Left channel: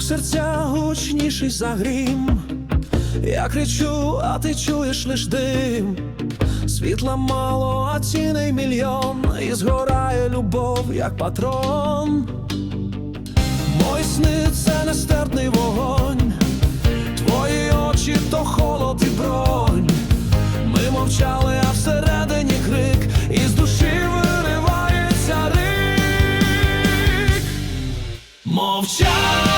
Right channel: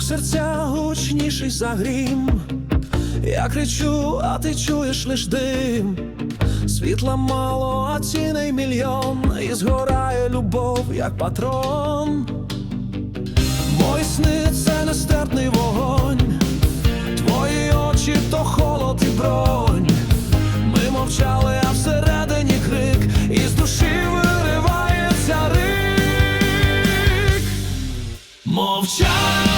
Стук серця гучніший за грім. Я кричу, а ти чуєш лиш дим. Світла мало, а ціней мільйон, і згорає любов, як патрон. Мої сни це нестерпний вогонь, твої очі то холод і бронь. Ми мовчали, а всередині крик, і з душі виривається рик. Мовчання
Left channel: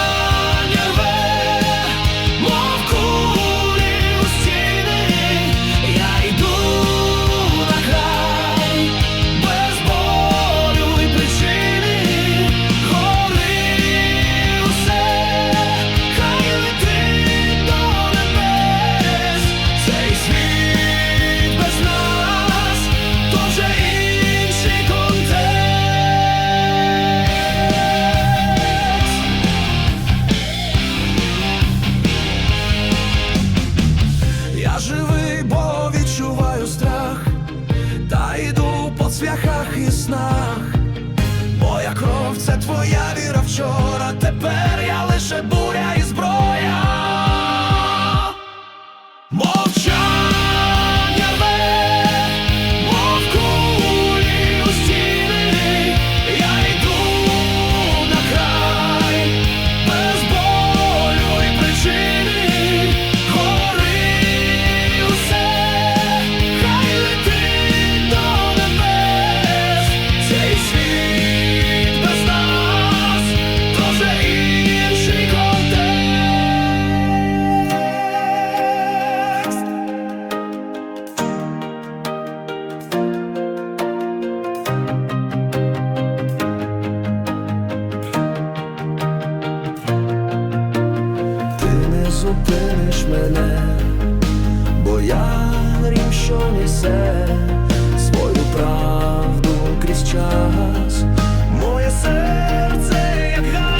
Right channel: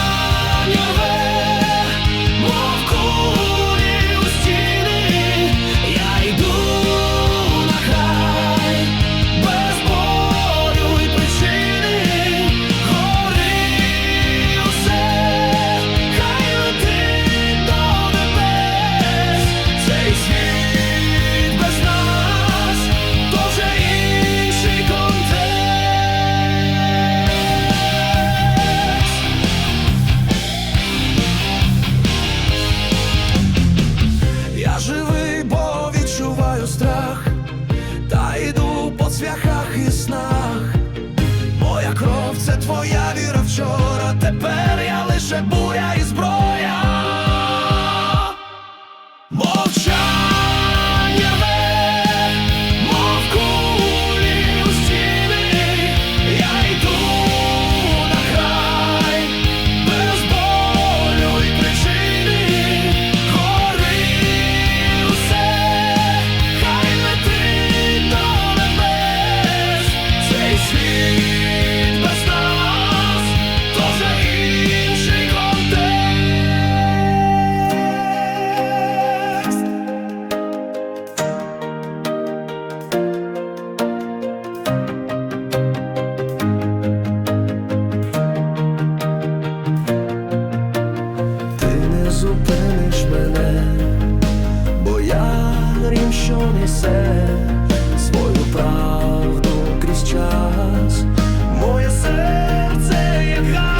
Я живий, бо відчуваю страх, та йду по цвяхах і снах. Моя кров це твоя віра вчора. Тепер я лише буря зупиниш мене, бо я грім що несе свою правду крізь час, моє серце як гай.